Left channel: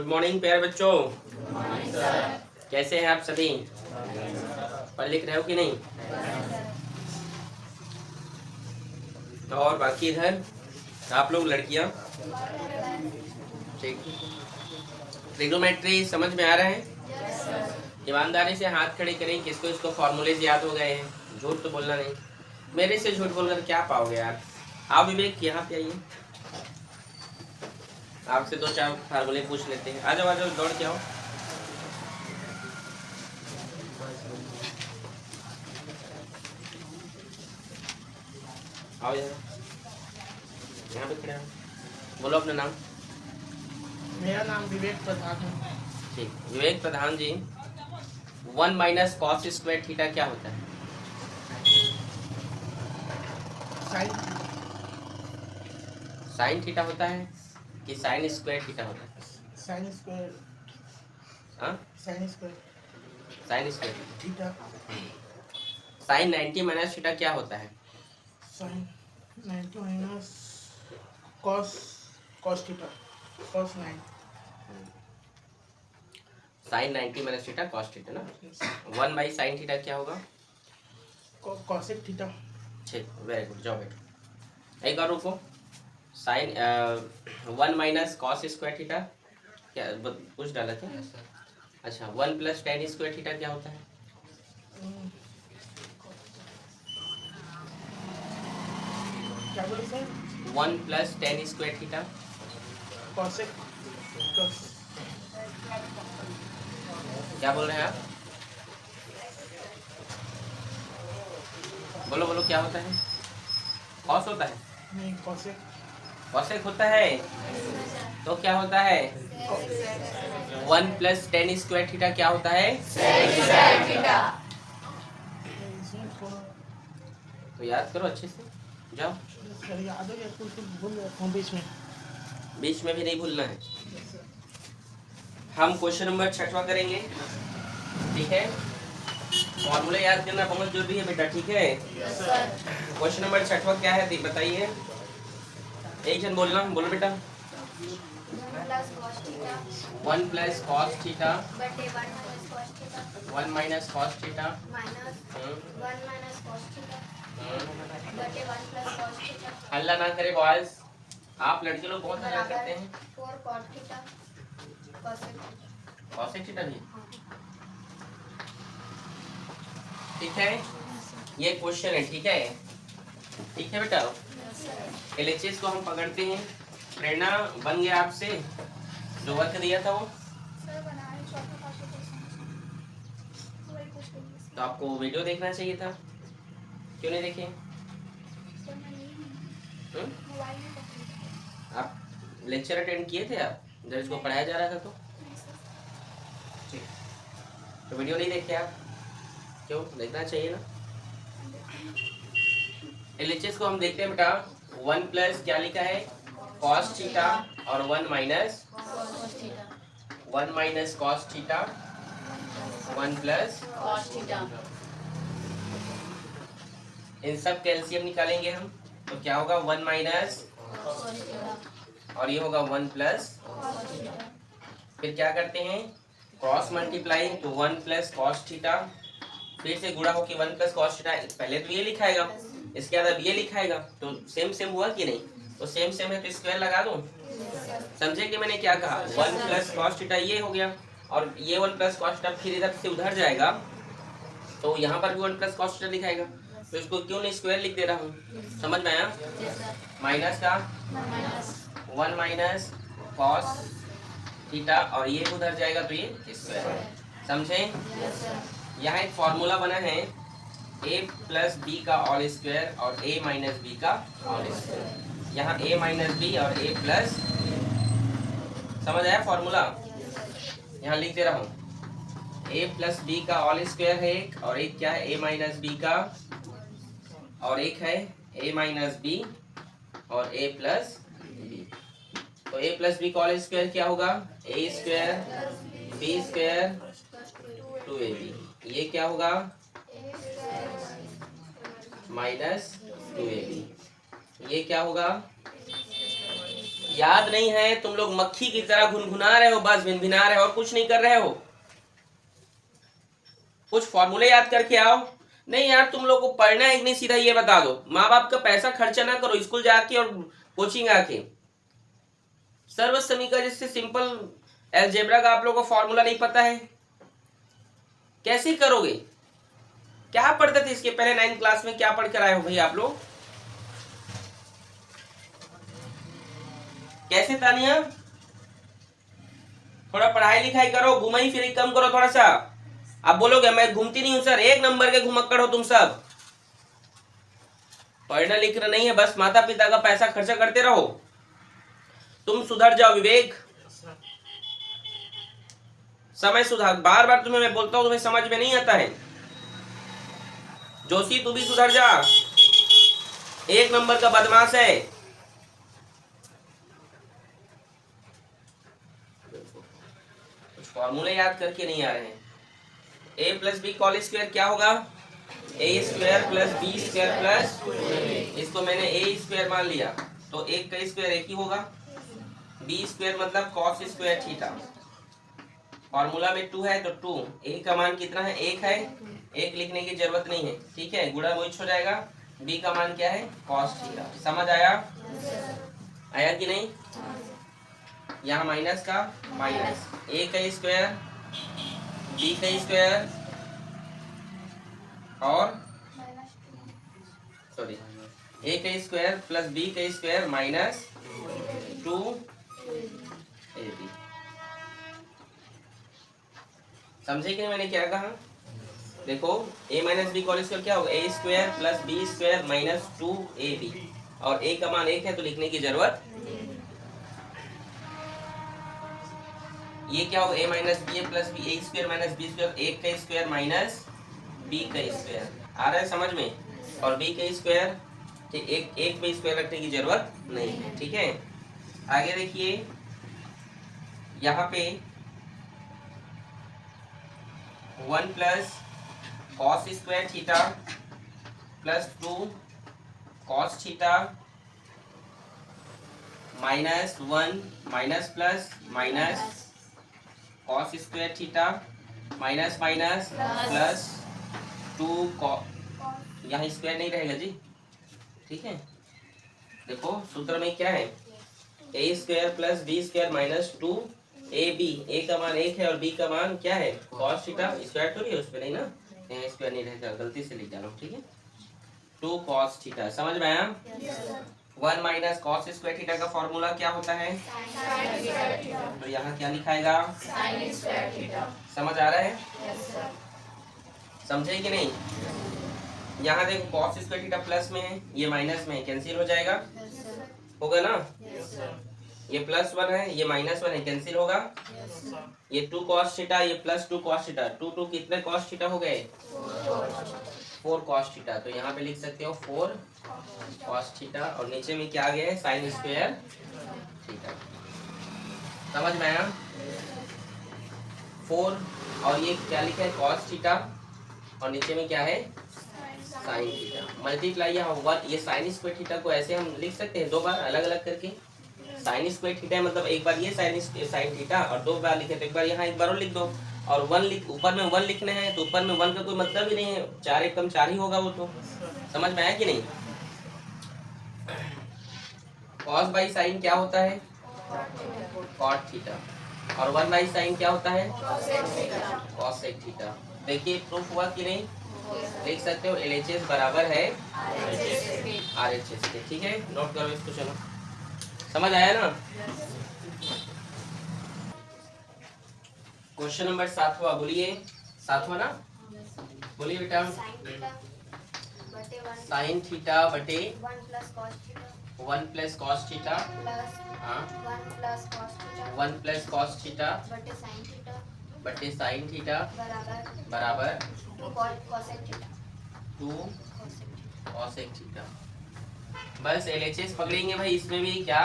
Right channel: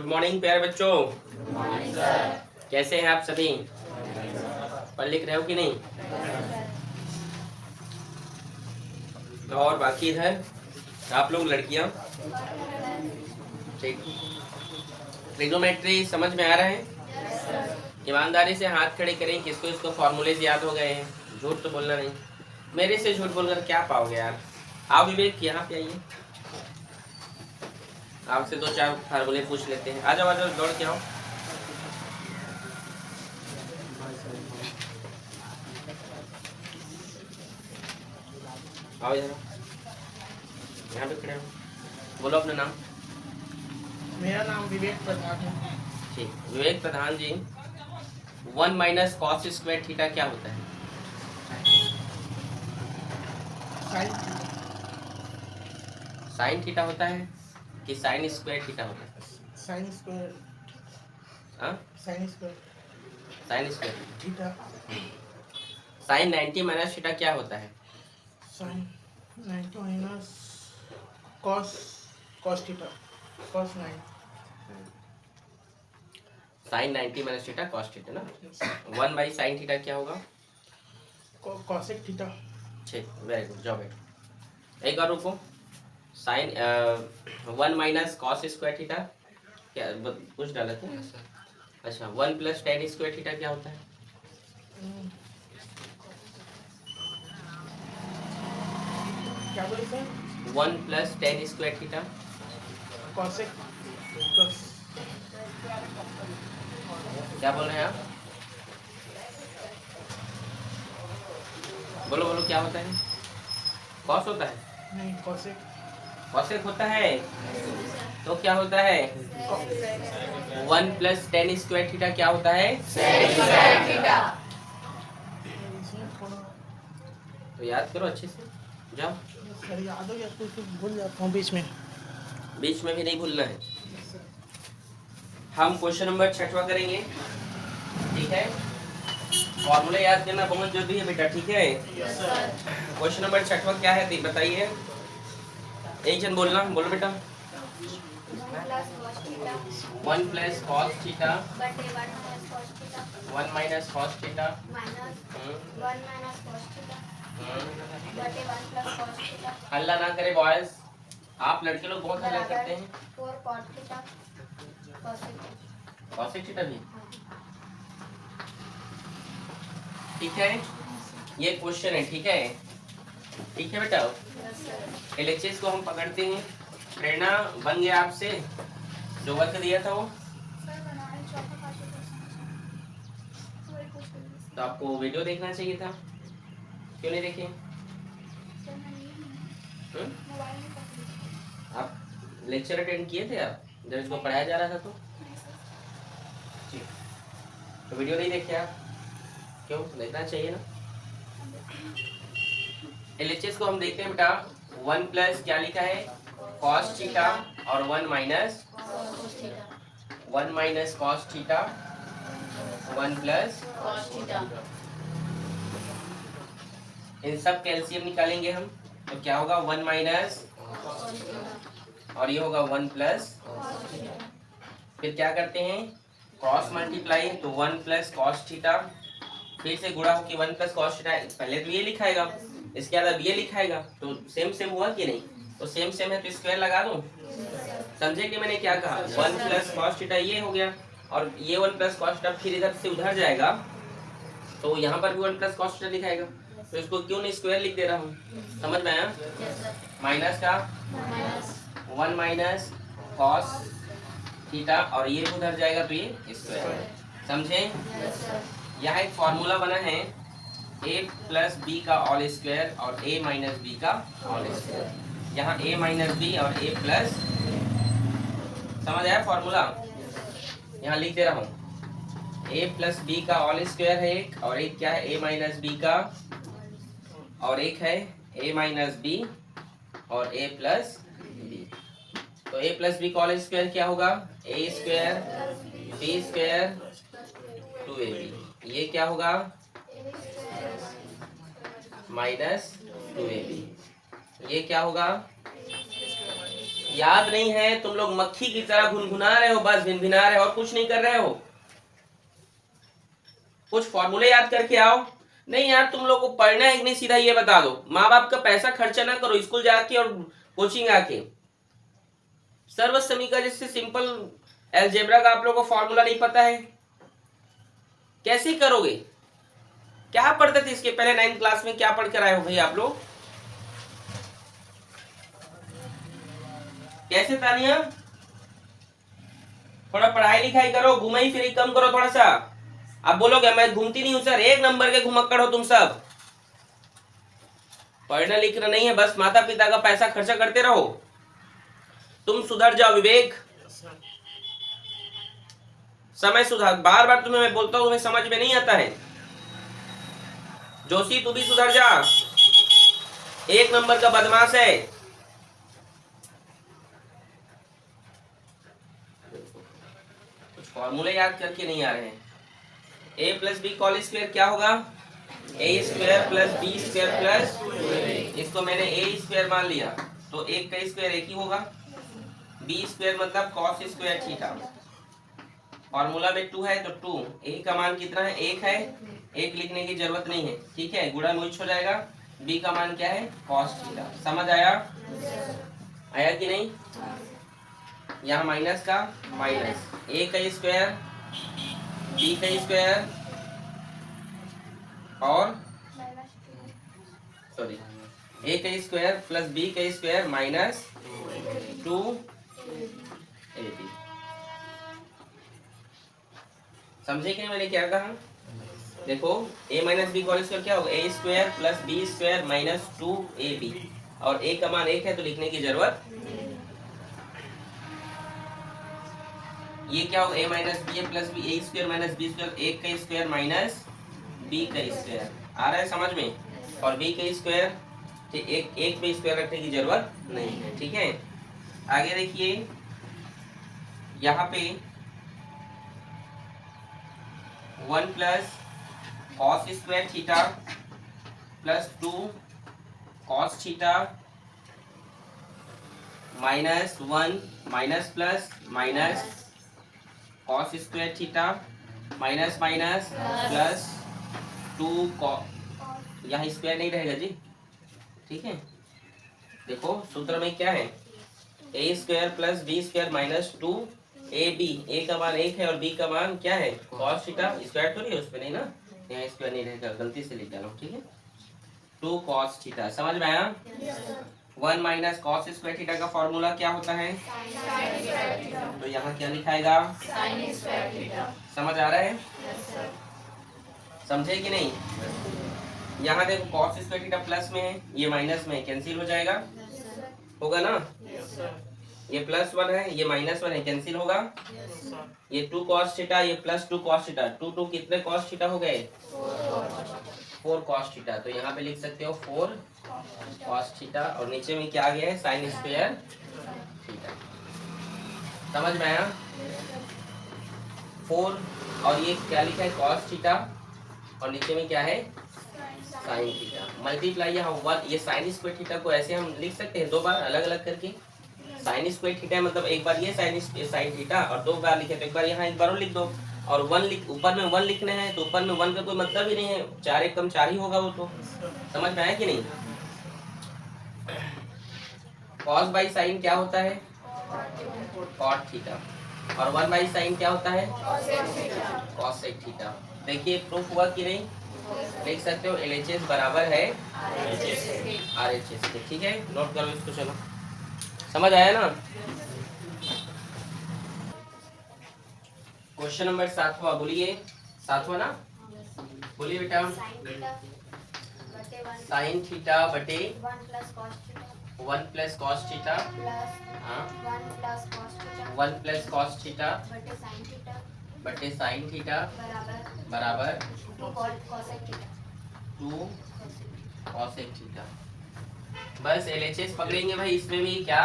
Good morning प्यारे बच्चों। कैसे हैं आप सभी? पढ़ लिख रहे हो कि नहीं? और बाकी इधर आप लोग लड़कियां ठीक, ट्रिग्नोमेट्री समझ में आ रहा है? ईमानदारी से हाथ खड़े करें किसको इसको फॉर्मूलेज याद हो गए हैं। झूठ तो बोलना नहीं, मेरे से झूठ बोलकर क्या पाओगे यार। आओ विवेक यहाँ पे आइए, आपसे दो चार फार्मूले पूछ लेते हैं। आ जाओ दौड़ के आओ। आओ यहाँ पे खड़े हो, बोलो अपना नाम। मेरा नाम विवेक प्रधान है। ठीक, विवेक प्रधान जी, 1 माइनस कॉस स्क्वायर थीटा क्या होता है? साइन थीटा होता है कि साइन स्क्वायर थीटा होता है? Sine square. हाँ, sine square sine square theta. Sine 90 minus theta क्या होता है? Sine 90 minus cos cos theta cos 9। Sine 90 minus theta cos theta ना। 1 बाई साइन थीटा क्या होगा? Cosec theta. ठीक, वेरी गुड, जाओ बेटा। एक और रुको, sine 1 minus cos square theta क्या कुछ डाला था? अच्छा, 1 प्लस टेन स्क्वायर थीटा क्या होता है? क्या बोले sir? 1 plus ten square theta cosec क्या बोल रहे हैं आप? बोलो बोलो, क्या होता है? कॉस होता है? नहीं, कॉसेक। कॉसेक होता है तो क्या होता है? 1 प्लस टेन स्क्वायर थीटा क्या होता है? तो याद करो अच्छे से, जाओ। सर याद हो या कुछ कुछ भूल जाता हूँ बीच में भी नहीं भूलना है। हम क्वेश्चन नंबर 6वां करेंगे, ठीक है? फॉर्मूले याद करना बहुत जरूरी है बेटा, ठीक है? क्वेश्चन नंबर 6वां क्या है बताइए, एक जन बोलना, बोलो बेटा। 1 plus cos theta 1 minus cos theta हल्ला ना करे बॉयज, आप लड़के लोग बहुत हल्ला करते हैं। कॉसेक थीटा भी ठीक है, ये क्वेश्चन है, ठीक है? ठीक है बेटा, एलएचएस को हम पकड़ते हैं। प्रेरणा बन गया आपसे जो वर्क दिया था वो, तो आपको वीडियो देखना चाहिए था, क्यों नहीं देखे? आप लेक्चर अटेंड किए थे आप जब इसको पढ़ाया जा रहा था तो वीडियो नहीं देखे आप? क्यों देखना चाहिए ना। एलएचएस को हम देखते हैं बेटा, 1 प्लस क्या लिखा है? कॉस थीटा और 1 माइनस कॉस थीटा 1 प्लस इन सब कैल्शियम निकालेंगे हम, तो क्या होगा? 1 माइनस और ये होगा 1 प्लस। फिर क्या करते हैं? कॉस मल्टीप्लाई, तो 1 प्लस कॉस थीटा, फिर से गुणा हो कि 1 प्लस कॉस थीटा, पहले तो ये लिखाएगा, इसके बाद अब ये लिखाएगा, तो सेम सेम हुआ कि नहीं? तो सेम सेम है तो स्क्वायर लगा दो। समझे कि मैंने क्या कहा? 1 प्लस कॉस थीटा ये हो गया, और ये 1 प्लस कॉस थीटा फिर इधर से उधर जाएगा, तो यहाँ पर भी 1 प्लस कॉस थीटा दिखाएगा, तो इसको क्यों नहीं स्क्वायर लिख दे रहा हूँ? समझ में आया? माइनस का 1 माइनस कॉस थीटा और ये उधर जाएगा तो ये स्क्वायर। समझे? यहाँ एक फॉर्मूला बना है, a प्लस बी का ऑल स्क्वायर और a माइनस बी का ऑल स्क्वायर। यहाँ a माइनस बी और a प्लस, समझ आया फॉर्मूला? यहाँ लिख दे रहा हूँ, a प्लस बी का ऑल स्क्वायर है एक, और एक क्या है? a माइनस बी का, और एक है a माइनस बी और a प्लस बी। तो a प्लस बी का ऑल स्क्वायर क्या होगा? a square b square 2ab। ये क्या होगा? Minus 2ab। ये क्या होगा? याद नहीं है? तुम लोग मक्खी की तरह घुनघुना रहे हो, बस भिनभिना रहे हो और कुछ नहीं कर रहे हो। कुछ फॉर्मूले याद करके आओ। नहीं यार, तुम लोग को पढ़ना है कि नहीं, सीधा ये बता दो। माँ बाप का पैसा खर्चा ना करो स्कूल जाके और कोचिंग आके। सर्व समीकरण जैसे सिंपल अलजेब्रा का आप लोगों को फॉर्मूला नहीं पता है, कैसे करोगे? क्या पढ़ते थे इसके पहले 9th क्लास में? क्या पढ़ कर आए हो भाई आप लोग? कैसे तानिया? थोड़ा पढ़ाई लिखाई करो, घुमाई फिरी कम करो थोड़ा सा। आप बोलोगे मैं घूमती नहीं हूं सर, 1 नंबर के घुमक्कड़ हो तुम सब। पढ़ना लिखना नहीं है, बस माता पिता का पैसा खर्चा करते रहो। तुम सुधर जाओ विवेक, समय सुधार। बार बार तुम्हें मैं बोलता हूं, तुम्हें समझ में नहीं आता है। जोशी तू भी सुधर जा, 1 नंबर का बदमाश है। कुछ फॉर्मूले याद करके नहीं आ रहे हैं। a प्लस बी कॉल स्क्वायर क्या होगा? a square plus b square plus, इसको मैंने a स्क्वायर मान लिया तो 1 का स्क्वायर 1 ही होगा। b स्क्वायर मतलब कॉस स्क्वायर थीटा। फॉर्मूला में 2 है तो 2, a का मान कितना है? 1 है। 1 लिखने की जरूरत नहीं है, ठीक है, गुणा मोइच हो जाएगा। b का मान क्या है? Cos theta. समझ आया? आया कि नहीं? यहाँ माइनस का माइनस, a का स्क्वायर b का स्क्वायर और सॉरी a का स्क्वायर प्लस b का स्क्वायर माइनस 2ab। समझे कि नहीं मैंने क्या कहा? देखो a माइनस बी कॉल स्क्वायर क्या होगा? a square plus b square minus 2ab, और a का मान 1 है तो लिखने की जरूरत। ये क्या होगा? a minus b plus b, a square minus b square, 1 का स्क्वायर माइनस b का स्क्वायर। आ रहा है समझ में? और b का स्क्वायर, एक पे स्क्वायर रखने की जरूरत नहीं है, ठीक है। आगे देखिए, यहाँ पे 1 plus cos square theta plus 2 cos theta minus 1 minus plus minus cos square theta minus minus plus 2 यहाँ स्क्वायर नहीं रहेगा जी, ठीक है। देखो सूत्र में क्या है? a square plus b square minus 2ab। a का मान 1 है और b का मान क्या है? Cos theta. स्क्वायर तो नहीं है उसमें, नहीं ना, यहाँ स्क्वायर नहीं रहेगा, गलती से लिख डाला हूँ, ठीक है। 2 कॉस थीटा। समझ में आया? 1 माइनस कॉस स्क्वायर थीटा का फॉर्मूला क्या होता है? तो यहाँ क्या लिखाएगा? समझ आ रहा है? समझे कि नहीं? यहाँ देखो कॉस स्क्वायर थीटा प्लस में है, ये माइनस में है, कैंसिल हो जाएगा, होगा ना। ये प्लस 1 है, ये माइनस 1 है, कैंसिल होगा। ये 2 कॉस थीटा, ये प्लस 2 कॉस थीटा, 2 कितने कॉस थीटा हो गए? 4 कॉस थीटा। तो यहाँ पे लिख सकते हो 4 कॉस थीटा, और नीचे में क्या आ गया है? Sine square theta. समझ में आया? 4 और ये क्या लिखा है? कॉस थीटा, और नीचे में क्या है? Sine theta. मल्टीप्लाई यहाँ 1, ये साइन स्क्वायर थीटा को ऐसे हम लिख सकते हैं 2 बार अलग अलग करके। साइन स्क्वायर थीटा मतलब एक बार ये साइन थीटा, और 2 बार लिखे तो एक बार यहाँ एक बार और लिख दो। और 1 लिख, ऊपर में 1 लिखने हैं तो ऊपर में 1 का कोई मतलब ही नहीं है, 4 एक कम 4 ही होगा वो तो। समझ में आया कि नहीं? कॉस बाई साइन क्या होता है? Cot theta. और 1 बाई साइन क्या होता है? Cosec theta. देखिए प्रूफ हुआ कि नहीं? देख सकते हो LHS बराबर है RHS के, ठीक है। नोट करो इसको, चलो। समझ आया ना? क्वेश्चन नंबर 7वां बोलिए। 7वां ना? बोलिए बेटा। साइन थीटा बटे 1 plus cos theta 1 plus cos theta बटे साइन थीटा बराबर 2 कॉसेक थीटा। बस LHS पकड़ेंगे भाई, इसमें भी क्या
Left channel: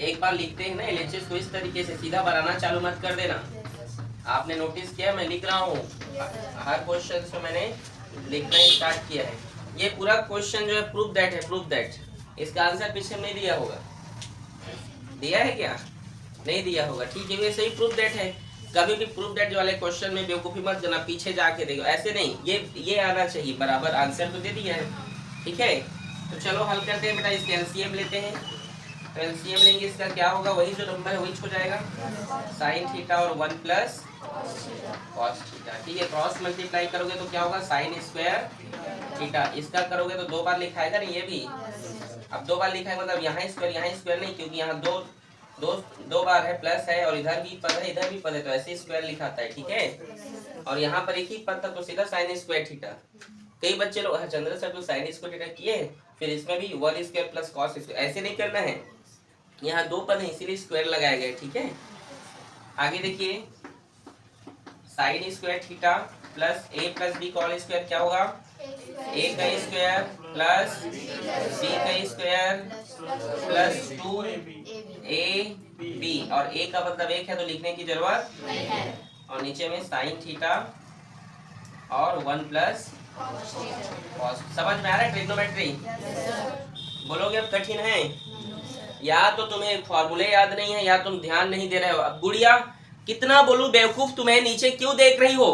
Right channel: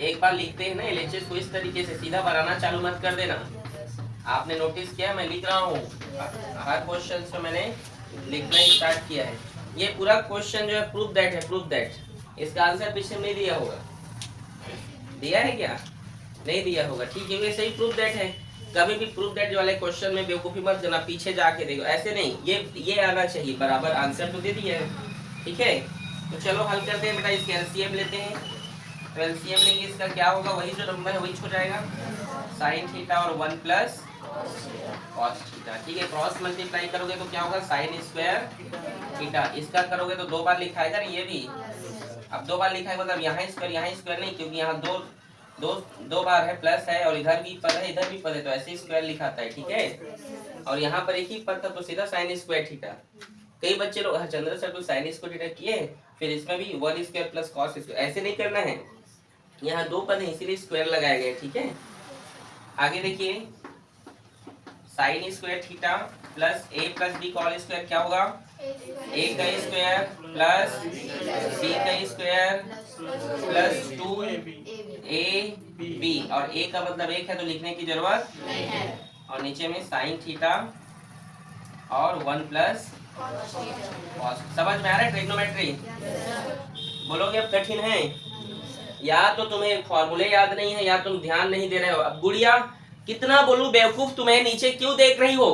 एक बार लिखते हैं ना LHS को इस तरीके से, सीधा बनाना चालू मत कर देना। आपने नोटिस किया मैं लिख रहा हूँ, हर क्वेश्चन को मैंने लिखना स्टार्ट किया है। ये पूरा क्वेश्चन जो है प्रूफ दैट है, प्रूफ दैट। इसका आंसर पीछे नहीं दिया होगा, दिया है क्या? नहीं दिया होगा, ठीक है। वैसे ही प्रूफ दैट है। कभी भी प्रूफ दैट वाले क्वेश्चन में बेवकूफी मत करना, पीछे जाके देखो, ऐसे नहीं, ये आना चाहिए बराबर। आंसर तो दे दिया है, ठीक है। तो चलो हल करते हैं बेटा, इसके एलसीएम लेते हैं। तो एलसीएम लेंगे, इसका क्या होगा, वही जो नंबर है वही हो जाएगा, साइन थीटा और 1 प्लस कॉस थीटा, ठीक है। क्रॉस मल्टीप्लाई करोगे तो क्या होगा, साइन स्क्वायर थीटा। इसका करोगे तो 2 बार लिखाएगा ना ये भी। अब 2 बार लिखा है मतलब यहाँ स्क्वायर नहीं, क्योंकि यहाँ दो दो दो बार है, प्लस है, और इधर भी पद है इधर भी पद है, तो ऐसे स्क्वायर लिखाता है, ठीक है। और यहाँ पर एक ही पद था तो सीधा साइन स्क्वायर थीटा। कई बच्चे लोग चंद्र सर तो साइन स्क्वायर थीटा किए, फिर इसमें भी 1 स्क्वायर प्लस कॉस स्क्वायर, ऐसे नहीं करना है। यहाँ 2 पद है इसीलिए स्क्वायर लगाया गया, ठीक है। आगे देखिए, साइन स्क्वायर थीटा प्लस ए प्लस बी का होल स्क्वायर क्या होगा, ए का स्क्वायर प्लस बी का स्क्वायर प्लस 2 ए बी, और ए का मतलब 1 है तो लिखने की जरूरत नहीं है। और नीचे में साइन थीटा और 1 प्लस कॉस। समझ में आ रहा है ट्रिग्नोमेट्री? बोलोगे अब कठिन है, या तो तुम्हें फॉर्मूले याद नहीं है या तुम ध्यान नहीं दे रहे हो। अब गुड़िया कितना बोलूं बेवकूफ, तुम्हें नीचे क्यों देख रही हो?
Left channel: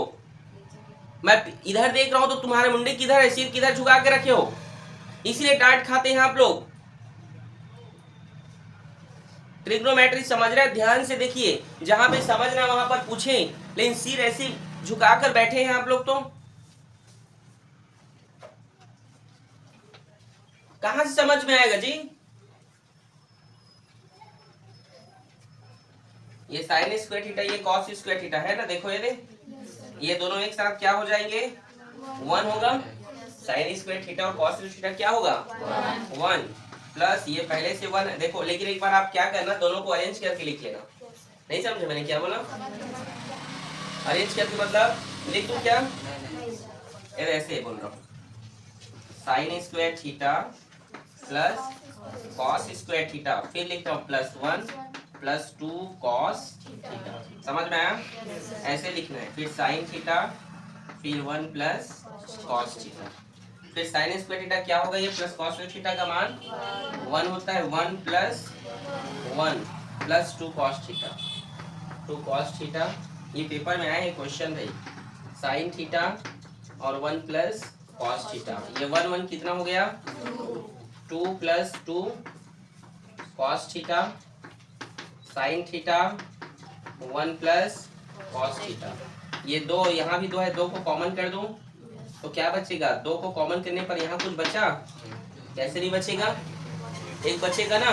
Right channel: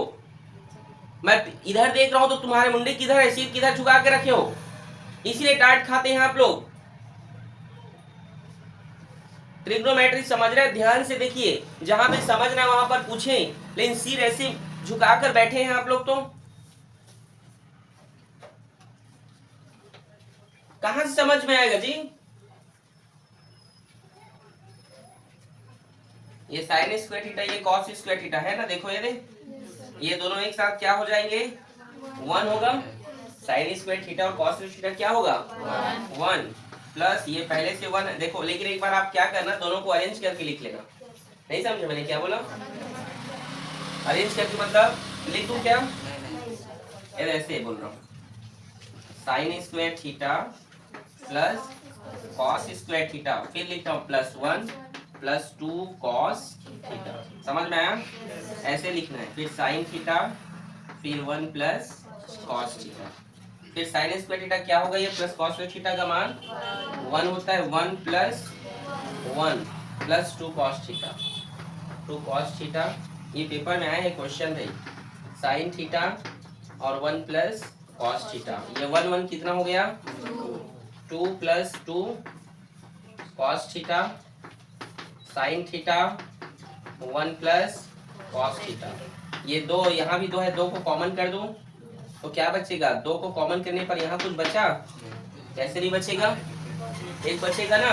मैं इधर देख रहा हूं तो तुम्हारे मुंडे किधर है, सिर किधर झुका के रखे हो, इसलिए डांट खाते हैं आप लोग। ट्रिग्नोमेट्री समझ रहे, ध्यान से देखिए, जहां पे समझना वहां पर पूछे, लेकिन सिर ऐसे झुकाकर बैठे हैं आप लोग, तो कहां से समझ में आएगा जी? ये साइन स्क्वायर थीटा, ये कॉस स्क्वायर थीटा है ना, देखो ये दोनों एक साथ क्या हो जाएंगे, 1 होगा। साइन स्क्वायर थीटा और कॉस स्क्वायर थीटा क्या होगा, 1 प्लस ये पहले से 1 देखो। लेकिन एक बार आप क्या करना, दोनों को अरेंज करके लिख लेना। नहीं समझे मैंने क्या बोला? अरेंज करके मतलब लिख दूं क्या? ऐसे बोल रहा हूँ, sign square theta plus cos square theta, फिर लिखता हूँ प्लस 1 प्लस 2 कॉस थीटा। समझ में आया? ऐसे लिखना है। फिर साइन थीटा, फिर 1 प्लस कॉस थीटा, फिर साइन स्क्वायर थीटा क्या होगा, ये प्लस कॉस स्क्वायर थीटा का मान 1 होता है, 1 plus 1 plus 2 cos theta, 2 cos theta. ये पेपर में आया है क्वेश्चन भाई, साइन थीटा और 1 प्लस कॉस थीटा। ये 1 1 कितना हो गया, 2 plus 2 cos theta, sine theta 1 plus cos theta. ये 2 यहाँ भी 2 है, 2 को कॉमन कर दूं तो क्या बचेगा, 2 को कॉमन करने पर यहाँ कुछ बचा, कैसे नहीं बचेगा, 1 बचेगा ना।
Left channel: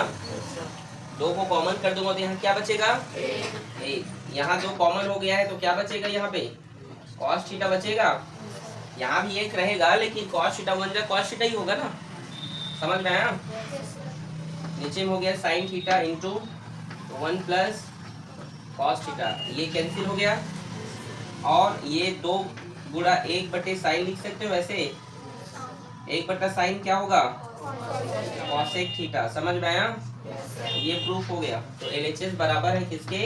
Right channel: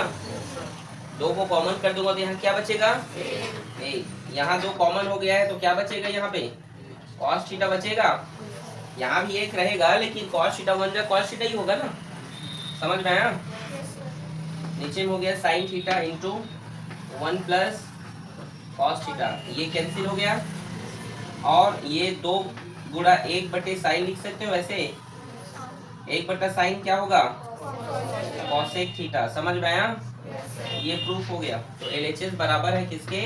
2 को कॉमन कर दूंगा तो यहाँ क्या बचेगा, 1। यहाँ 2 कॉमन हो गया है तो क्या बचेगा, यहाँ पे कॉस थीटा बचेगा। यहाँ भी 1 रहेगा लेकिन कॉस थीटा बन जाए, कॉस थीटा ही होगा ना। समझ में आया? नीचे में हो गया sine theta into 1 plus cos theta, ये कैंसिल हो गया। और ये 2 गुणा 1 बटे साइन लिख सकते हो ऐसे, 1 बटा साइन क्या होगा, कॉसेक थीटा। समझ में आया? ये प्रूफ हो गया। तो LHS बराबर है किसके,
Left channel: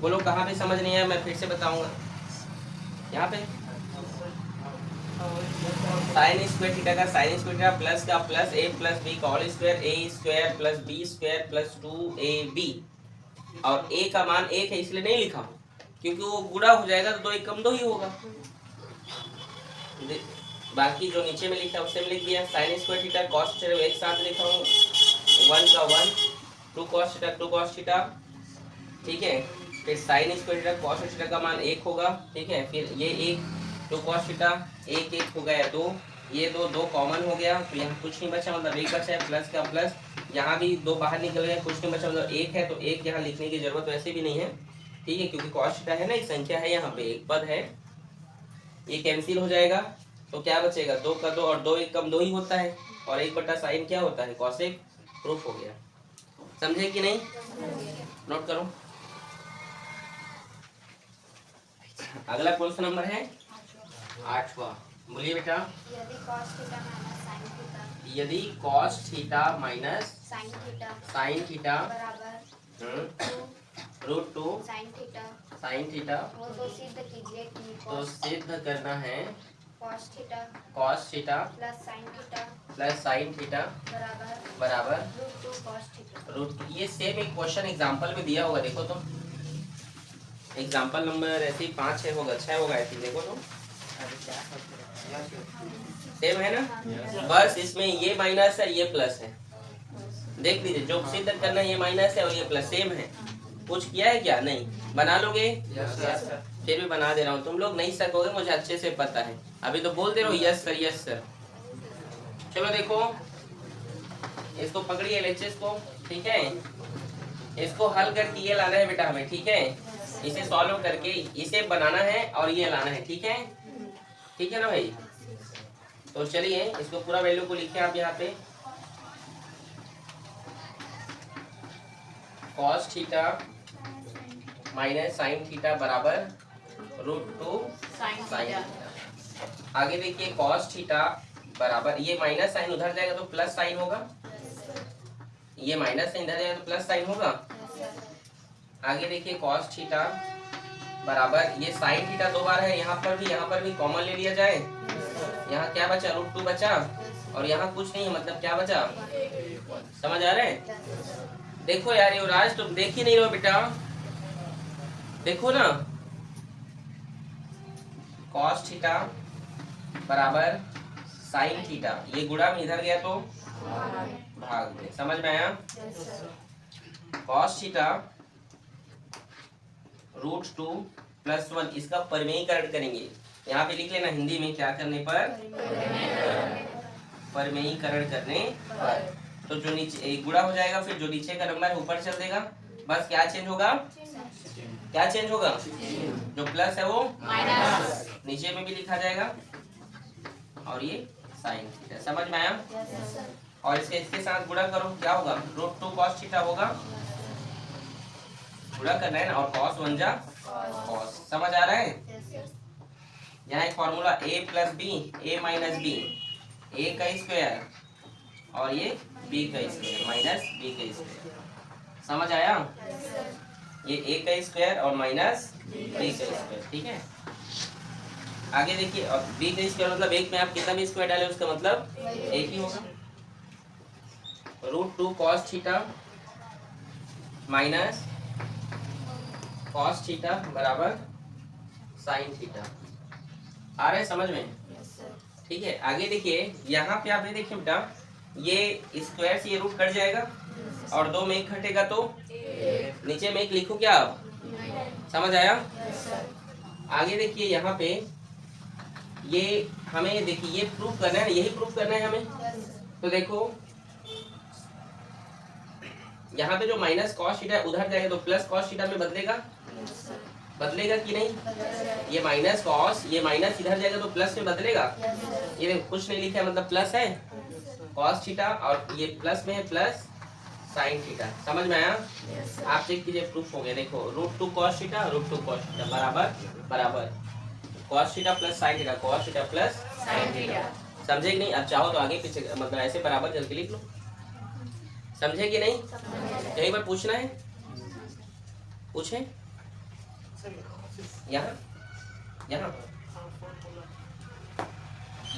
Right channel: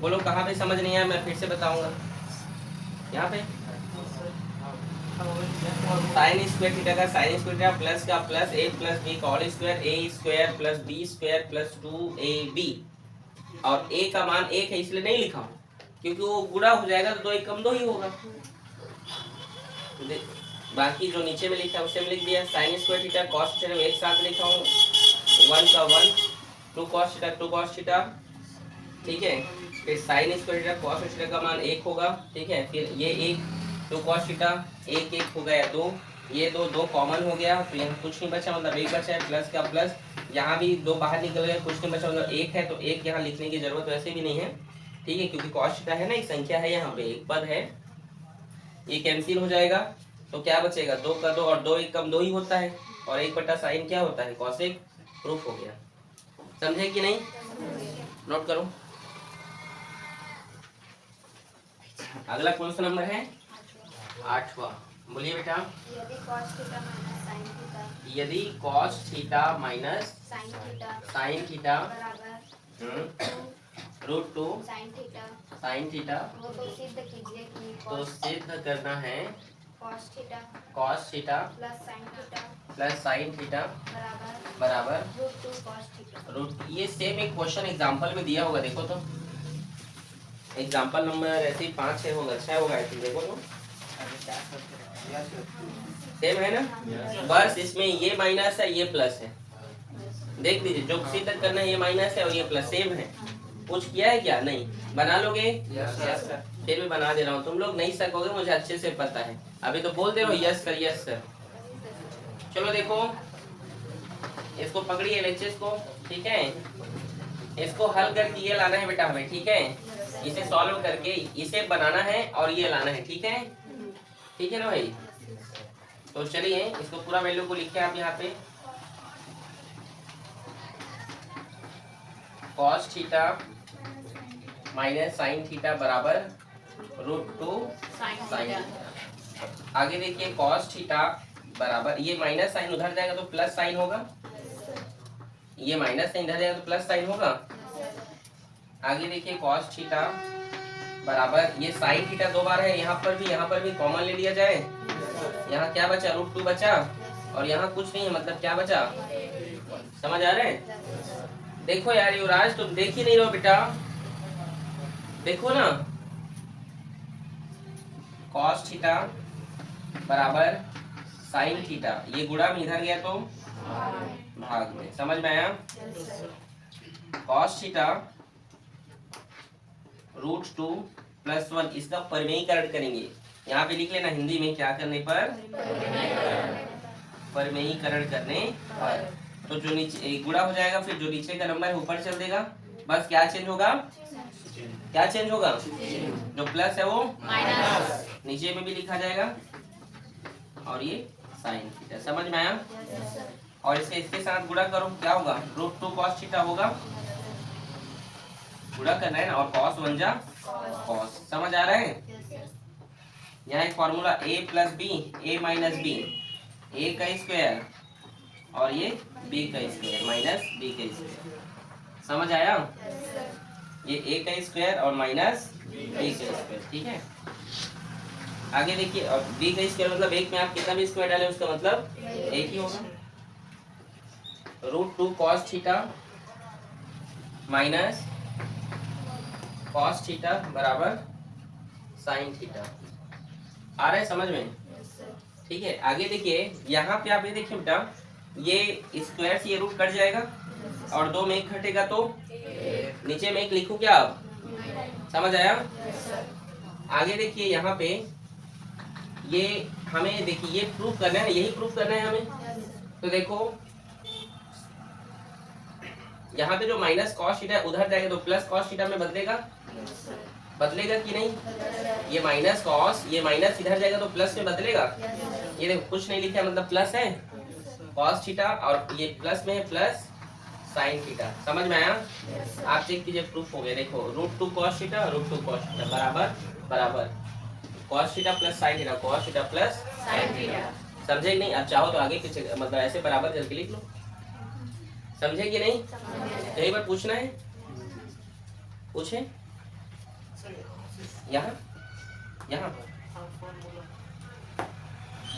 बोलो कहाँ पे समझ नहीं आया, मैं फिर से बताऊंगा। यहाँ पे साइन स्क्वायर थीटा का साइन स्क्वायर थीटा प्लस का प्लस a प्लस बी का whole square, a square plus b square plus 2ab। और a का मान 1 है इसलिए नहीं लिखा, क्योंकि वो गुणा हो जाएगा तो 2 1 कम 2 ही होगा। बाकी जो नीचे में लिखा है उसे में लिख दिया, sign square theta cos theta एक साथ लिखा हूँ, 1 का 1 2 कॉस थीटा, ठीक है। फिर sign square theta cos theta का मान 1 होगा, ठीक है। फिर ये 1 2 कॉस थीटा 1 1 हो गया 2, ये 2 कॉमन हो गया तो यहाँ कुछ नहीं बचा, मतलब 1 बचा है, प्लस का प्लस, यहाँ भी 2 बाहर निकल गया, कुछ नहीं बचा, मतलब 1 है तो 1 यहाँ लिखने की जरूरत वैसे भी नहीं है, ठीक है, क्योंकि कॉस थीटा है ना, एक संख्या है, यहाँ पे एक पद है, ये कैंसिल हो जाएगा तो क्या बचेगा, 2 का 2 और 2 1 कम 2 ही होता है, और 1 बटा साइन क्या होता है, कॉसेक। प्रूफ हो गया। समझे कि नहीं? नोट करो। अगला क्वेश्चन नंबर है 8वां। बोलिए बेटा। यदि cos theta minus sine theta √2 sine theta, तो सिद्ध करना है cos theta cos theta plus sin theta बराबर √2 cos थीटा। रूट, ये सेम एक क्वेश्चन एग्जांपल में दिया होगा, देखो तो एग्जांपल नंबर ऐसे ही 5-6 होगा, 6 होगा आई थिंक, देखो तो सेम है ना। बस इसमें ये माइनस है ये प्लस है, देख लीजिए जो सिद्ध करना है, ये माइनस है और ये प्लस सेम है। कुछ किया है क्या? नहीं। बना लोगे? Yes sir. फिर भी बना दे रहा हूँ, तुम लोग नहीं सकोगे मुझे अच्छे से पता है, अभी तो बोलते रहो यस सर यस सर। चलो देखो, इसको पकड़िए एलएचएस को, ठीक है, इसको हल करके ये लाना है बेटा हमें, ठीक है, इसे सॉल्व करके इसे बनाना है और ये लाना है, ठीक है, ठीक है ना भाई। तो चलिए इसको पूरा वैल्यू को लिखे आप यहाँ पे, cos theta minus sine theta बराबर √2 साइन थीटा। आगे देखिए cos थीटा बराबर, ये माइनस साइन उधर जाएगा तो प्लस साइन होगा, ये माइनस साइन इधर जाएगा तो प्लस साइन होगा। आगे देखिए cos थीटा बराबर, ये साइन थीटा 2 बार है, यहाँ पर भी कॉमन ले लिया जाए, यहाँ क्या बचा? √2 बचा, और यहाँ कुछ नहीं है, मतलब क्या बचा? समझ आ रहे हैं? देखो यार युवराज तुम देख ही नहीं रहो बेटा, देखो ना, cos थीटा बराबर साइन थीटा, ये गुणा में इधर गया तो भाग में, समझ में आया? cos थीटा √2 + 1, इसका परिमेयीकरण करेंगे, यहाँ पे लिख लेना हिंदी में, क्या करने पर? परिमेयीकरण करने पर। तो जो नीचे गुणा हो जाएगा, फिर जो नीचे का नंबर है ऊपर चल देगा, बस क्या चेंज होगा? क्या चेंज होगा? जो प्लस है वो माइनस नीचे में भी लिखा जाएगा, और ये साइन थीटा, समझ में आया? और इसके साथ गुणा करो, क्या होगा? √2 cos थीटा होगा, गुणा करना है ना, और cos 1 जा cos, समझ आ रहा है? यहाँ एक formula a + b a - b, a का स्क्वायर और ये b का स्क्वायर माइनस b का स्क्वायर, समझ आया? ये a का स्क्वायर और माइनस b का स्क्वायर, ठीक है। आगे देखिए, और b का स्क्वायर मतलब एक में आप कितना भी स्क्वायर डालें उसका मतलब एक ही होगा। √2 cos theta minus cos theta बराबर साइन थीटा, आ रहा है समझ में? ठीक है। आगे देखिए, यहाँ पे आप ये देखिए बेटा, ये स्क्वायर से ये रूट कट जाएगा और 2 में 1 घटेगा तो नीचे में 1 लिखूं क्या आप? समझ आया? आगे देखिए यहाँ पे, ये हमें देखिए ये प्रूफ करना है, यही प्रूफ करना है हमें। तो देखो यहाँ पे जो माइनस cos थीटा उधर जाएगा तो प्लस cos थीटा में बदलेगा, बदलेगा कि नहीं? ये माइनस cos, ये माइनस इधर जाएगा तो प्लस में बदलेगा, ये देखो कुछ नहीं लिखा है मतलब प्लस है cos थीटा, और ये प्लस में है प्लस साइन थीटा, समझ में आया? आप चेक कीजिए, प्रूफ हो गया। देखो √2 cos थीटा √2 cos थीटा बराबर बराबर cos theta plus sine theta, cos theta plus sine theta, समझे कि नहीं? आप चाहो तो आगे पीछे मतलब ऐसे बराबर करके लिख लो, समझे कि नहीं? कहीं पर पूछना है? पूछे? यहाँ यहाँ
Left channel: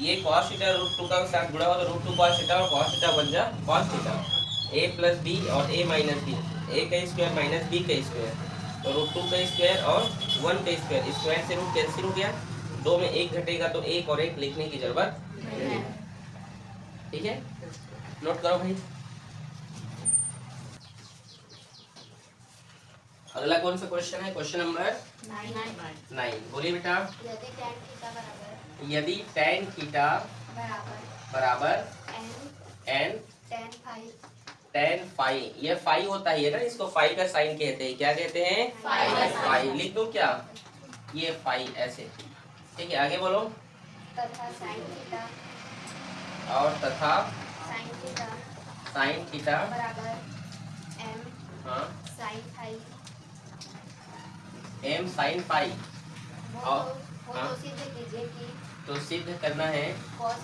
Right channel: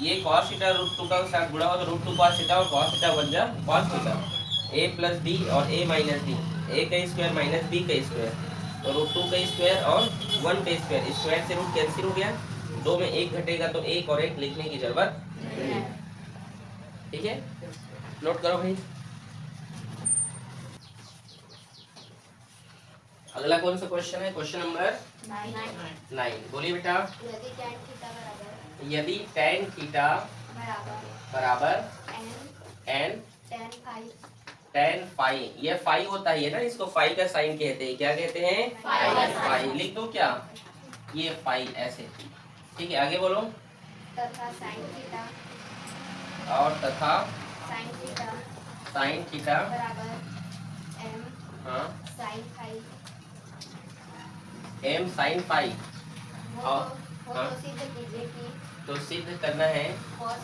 ये cos थीटा √2 का साथ गुणा हो तो √2 cos थीटा और cos थीटा बन जा cos थीटा, a + b और a - b, a का स्क्वायर माइनस b का स्क्वायर, तो √2 का स्क्वायर और 1 का स्क्वायर, स्क्वायर से रूट कैंसिल हो गया, 2 में 1 घटेगा तो 1 और 1 लिखने की जरूरत नहीं, ठीक है? नोट करो भाई। अगला कौन सा क्वेश्चन है? क्वेश्चन नंबर 9, बोलिए बेटा। यदि tan थीटा बराबर n tan फाई, ये फाई होता है ना, इसको फाई का साइन कहते हैं, क्या कहते हैं? फाई। लिख दो क्या? ये फाई ऐसे, ठीक है। आगे बोलो। और तथा साइन थीटा हाँ m sin फाई, और हाँ तो सिद्ध करना है cos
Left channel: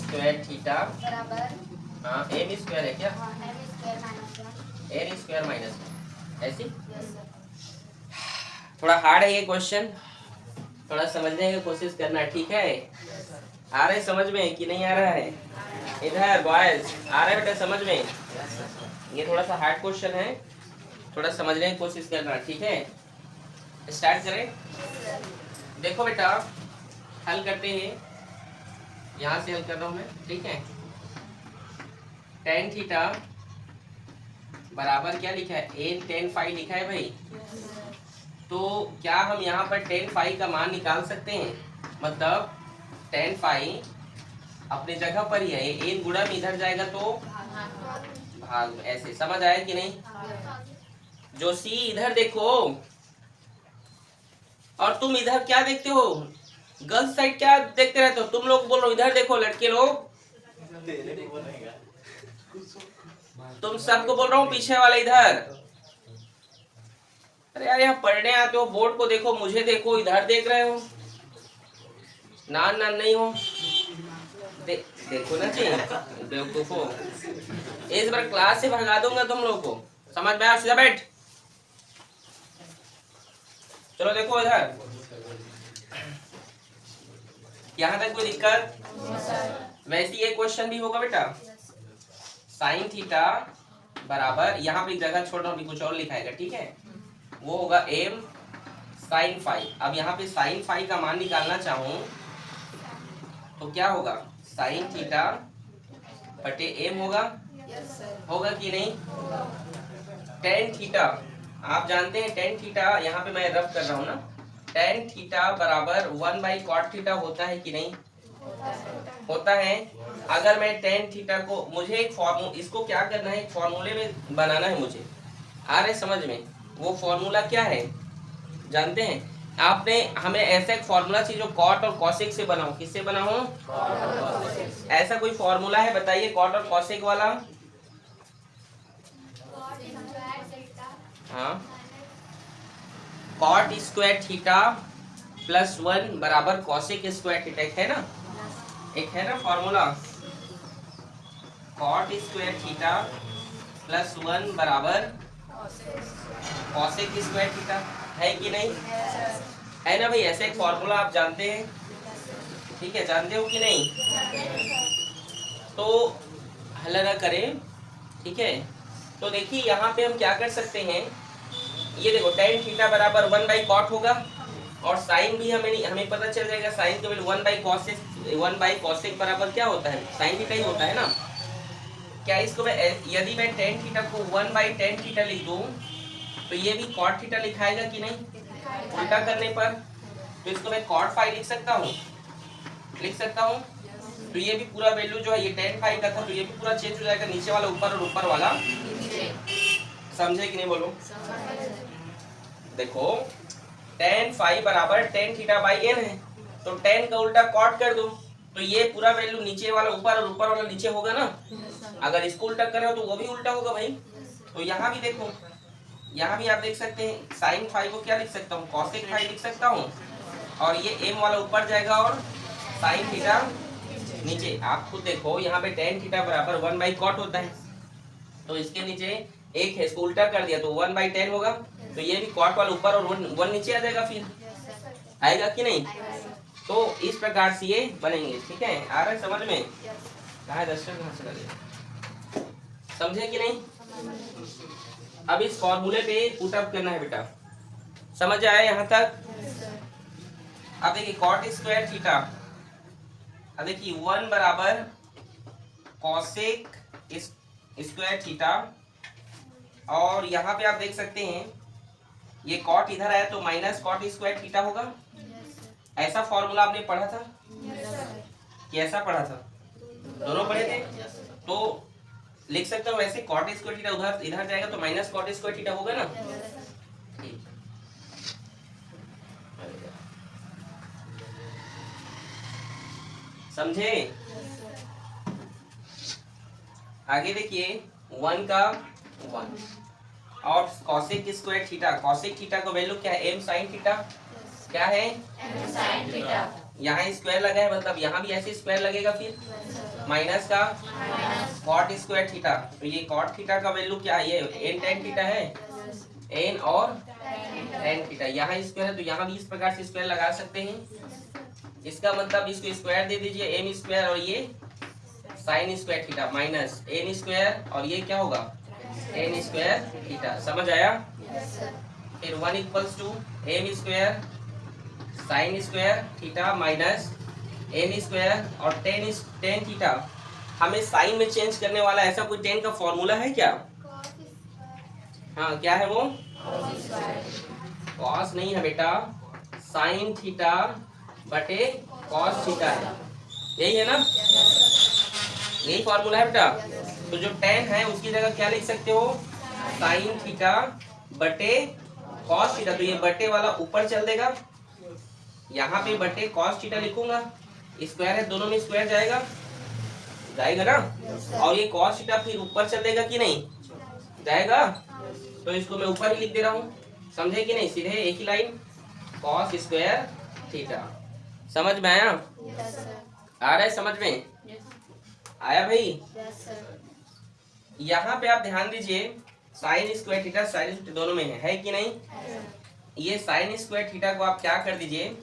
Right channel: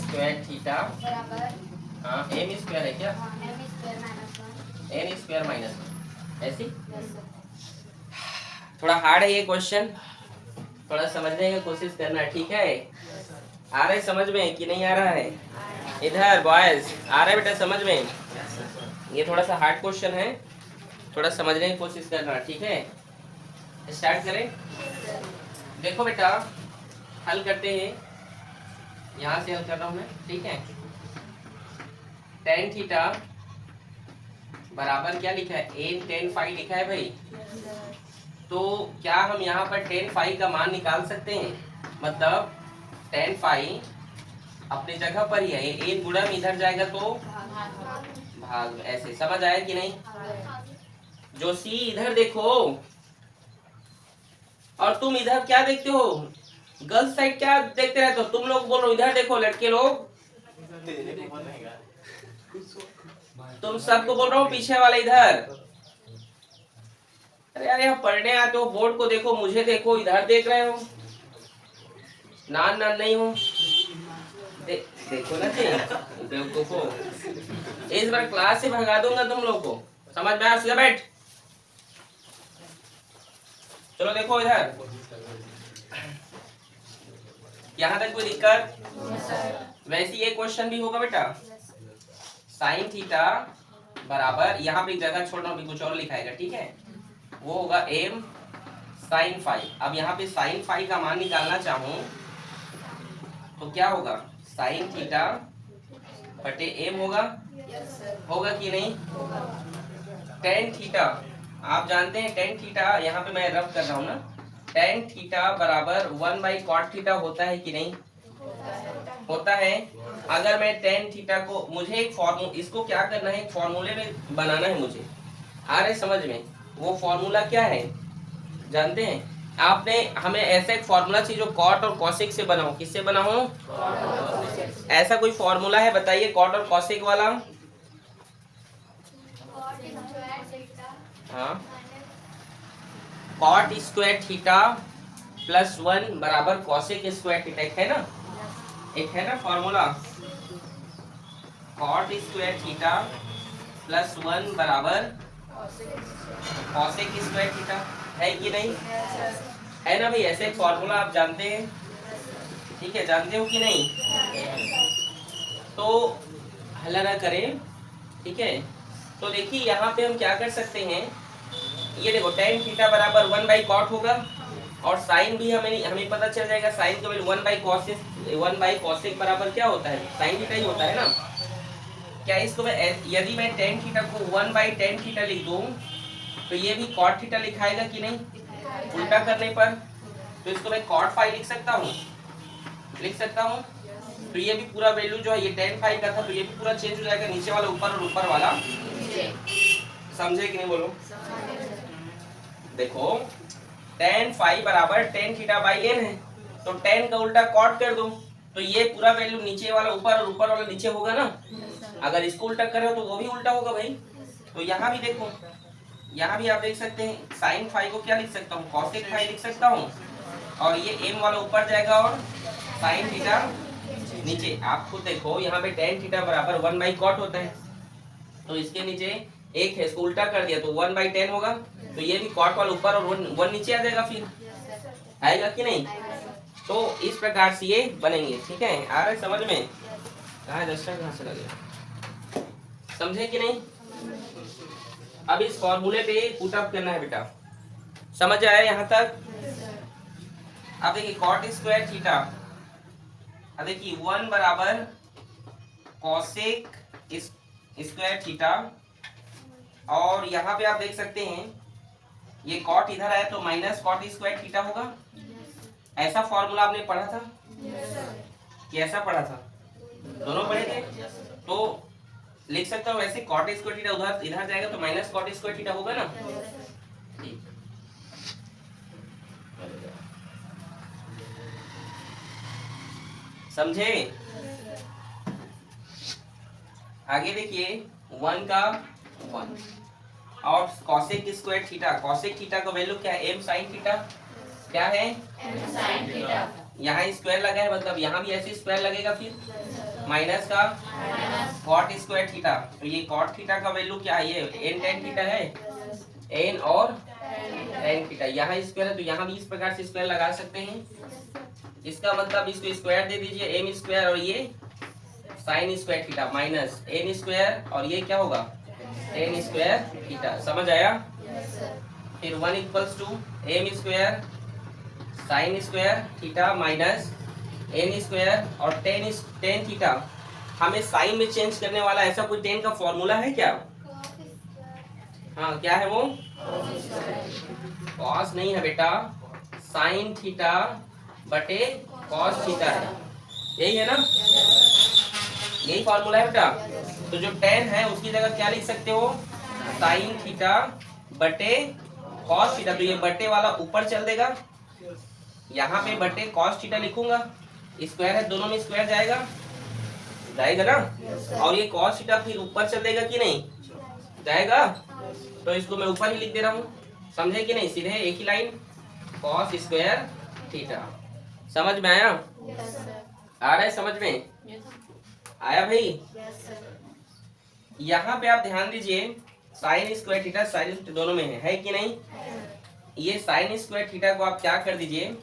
स्क्वायर थीटा हाँ m स्क्वायर है क्या? n स्क्वायर माइनस ऐसी। थोड़ा हार्ड है ये क्वेश्चन, थोड़ा समझने की कोशिश करना, ठीक है। आ रहा है समझ में कि नहीं आ रहा है? इधर बॉयज आ रहा है बेटा समझ में? ये थोड़ा सा हार्ड क्वेश्चन है, थोड़ा समझने की कोशिश करना, ठीक है। स्टार्ट करें। देखो बेटा हल करते हैं, यहाँ से हल कर रहा हूँ मैं, ठीक है। tan थीटा बराबर क्या लिखा है? n tan फाई लिखा है भाई। तो क्या हम यहाँ पर tan फाई का मान निकाल सकते हैं? मतलब tan फाई अपने जगह पर ही है, n गुणा में इधर जाएगा तो भाग, ऐसे समझ आया कि नहीं? जोशी इधर देखो, और तुम इधर क्या देखते हो? गर्ल्स साइड क्या देखते रहते हो? तुम लोग बोल रहे हो इधर देखो लड़के लोग, तुम सबको बोल रहा हूँ पीछे वाले इधर। अरे यार यहाँ पढ़ने आते हो, बोर्ड को देखो, मुझे देखो, इधर देख रहे हो, नान नान नहीं हो, देखो ना जी, देखो इस बार क्लास से भगा दूंगा तुम लोग को, समझ में आया? सीधा बैठ, चलो देखो इधर, यहाँ तक कोई दिक्कत? वैसे ये क्वेश्चन भी होगा बेटा, साइन थीटा बराबर, यहाँ पे जगह छोड़ रहा हूँ, कुछ और लिखाएगा, ठीक है। वो होगा m साइन फाई। अब यहाँ पे साइन फाई का मान निकालना चाहूँ तो क्या होगा? साइन थीटा बटे m होगा, होगा कि नहीं? टेन थीटा आप जानते हैं, टेन थीटा यहाँ पे मैं रफ कर रहा हूँ ना, टेन थीटा बराबर 1/cot थीटा होता है कि नहीं? होता है। अगर मैं टेन थीटा को, मुझे एक फॉर्मूला, इसको क्या करना है, फॉर्मूले में बनाना है मुझे, आ रहे समझ में? वो फॉर्मूला क्या है जानते हैं? आपने हमें ऐसा एक फॉर्मूला चाहिए जो कॉट और कॉसेक से बना हो। किससे बना हो? ऐसा कोई फॉर्मूला है बताइए कॉट और कॉसेक वाला? हाँ, कॉट स्क्वायर थीटा प्लस 1 बराबर कॉसेक स्क्वायर थीटा, एक है ना, एक है ना formula, cot square theta plus 1 बराबर कॉसेक स्क्वायर थीटा, है कि नहीं? है ना भाई, ऐसे एक फॉर्मूला आप जानते हैं, ठीक है, जानते हो कि नहीं? तो हल ना करें, ठीक है। तो देखिए यहाँ पे हम क्या कर सकते हैं, ये देखो tan थीटा बराबर 1/cot होगा, और साइन भी हमें पता चल जाएगा, साइन का वैल्यू 1/cosec बराबर क्या होता है? साइन थीटा ही होता है ना। क्या इसको मैं, यदि मैं tan थीटा को 1/tan थीटा लिख दूं तो ये भी cot थीटा लिखाएगा कि नहीं? उल्टा करने पर तो इसको मैं cot फाई लिख सकता हूँ, लिख सकता हूँ। तो ये भी पूरा वैल्यू जो है, ये tan फाई का था, तो ये भी पूरा चेंज हो जाएगा, नीचे वाला ऊपर और ऊपर वाला समझे कि नहीं? बोलो। देखो tan फाई बराबर tan थीटा बाई n है, तो tan का उल्टा cot कर दो, तो ये पूरा वैल्यू नीचे वाला ऊपर और ऊपर वाला नीचे होगा ना। अगर इसको उल्टा कर रहे हो तो वो भी उल्टा होगा भाई। तो यहाँ भी देखो, यहाँ भी आप देख सकते हैं, साइन फाई को क्या लिख सकता हूँ? कॉसेक फाई लिख सकता हूँ, और ये m वाला ऊपर जाएगा और साइन थीटा नीचे। आप खुद देखो यहाँ पे tan थीटा बराबर 1/cot होता है, तो इसके नीचे एक है, इसको उल्टा कर दिया तो 1/tan होगा, तो ये भी cot वाला ऊपर और 1 नीचे आ जाएगा, फिर आएगा कि नहीं? तो इस प्रकार से ये बनेंगे, ठीक है। आ रहा है समझ में? कहाँ रजिस्टर कहाँ चला गया, समझे कि नहीं? अब इस फॉर्मूले पे पुट अप करना है बेटा, समझ आया यहाँ तक? अब देखिए cot स्क्वायर थीटा, अब देखिए 1 बराबर कॉसेक स्क्वायर थीटा, और यहाँ पे आप देख सकते हैं ये cot इधर आया तो माइनस cot स्क्वायर थीटा होगा। ऐसा फॉर्मूला आपने पढ़ा था कि ऐसा पढ़ा था? दोनों पढ़े थे। तो लिख सकता हूँ वैसे, cot स्क्वायर थीटा उधर इधर जाएगा तो माइनस cot स्क्वायर थीटा होगा ना। समझे? आगे देखिए 1 का 1 और cosec square theta, cosec theta का वैल्यू क्या है? m sin थीटा, क्या है? m sin theta. यहाँ स्क्वायर लगा है, मतलब यहाँ भी ऐसे स्क्वायर लगेगा, फिर माइनस का cot स्क्वायर थीटा, तो ये cot थीटा का वैल्यू क्या है? ये n tan थीटा है, n और टेन थीटा। यहाँ स्क्वायर है तो यहाँ भी इस प्रकार से स्क्वायर लगा सकते हैं। इसका मतलब इसको स्क्वायर दे दीजिए, एम स्क्वायर और ये sine square theta minus n square और ये क्या होगा टेन स्क्वायर थीटा। समझ आया? फिर 1 equals to m square sine square theta minus n square और टेन थीटा। हमें साइन में चेंज करने वाला ऐसा कोई टेन का फॉर्मूला है क्या? हाँ, क्या है वो? कॉस नहीं है बेटा, साइन थीटा बटे कॉस थीटा है, यही है ना? यही फॉर्मूला है बेटा। तो जो टेन है उसकी जगह क्या लिख सकते हो? साइन थीटा बटे कॉस थीटा। तो ये बटे वाला ऊपर चल देगा, यहाँ पे बटे कॉस थीटा लिखूंगा, स्क्वायर है दोनों में स्क्वायर जाएगा ना? और ये कॉस थीटा फिर ऊपर चल देगा कि नहीं जाएगा? तो इसको मैं ऊपर ही लिख दे रहा हूँ, समझे कि नहीं? सीधे एक ही लाइन कॉस स्क्वायर थीटा। समझ में आया? आ रहा है समझ में? आया भाई? यहाँ पे आप ध्यान दीजिए, sign square theta sine theta दोनों में है कि नहीं? ये साइन स्क्वायर थीटा को आप क्या कर दीजिए,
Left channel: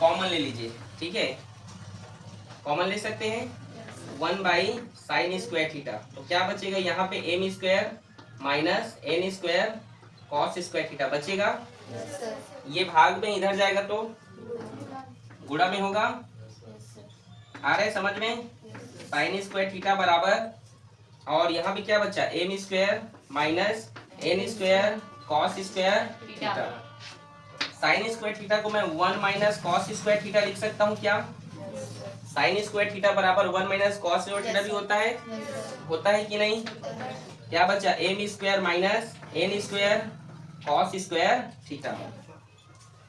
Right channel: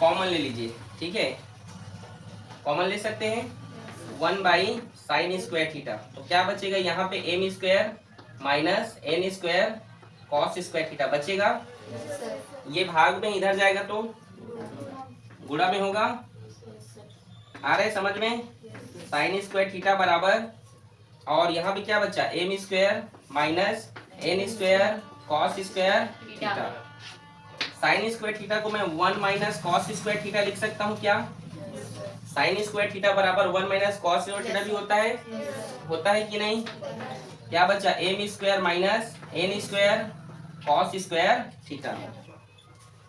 कॉमन ले लीजिए, ठीक है? कॉमन ले सकते हैं 1 बाई साइन स्क्वायर थीटा। तो क्या बचेगा यहाँ पे? M square minus n square cos square theta बचेगा। ये भाग में इधर जाएगा तो गुणा में होगा। आ रहे समझ में? साइन स्क्वायर थीटा बराबर, और यहाँ पे क्या बचा? M square minus n square cos square theta. Sine square theta को मैं 1 माइनस कॉस स्क्वायर थीटा लिख सकता हूँ क्या? साइन स्क्वायर थीटा बराबर 1 माइनस कॉस स्क्वायर थीटा भी होता है कि नहीं? क्या बचा? M square minus n square cos square theta.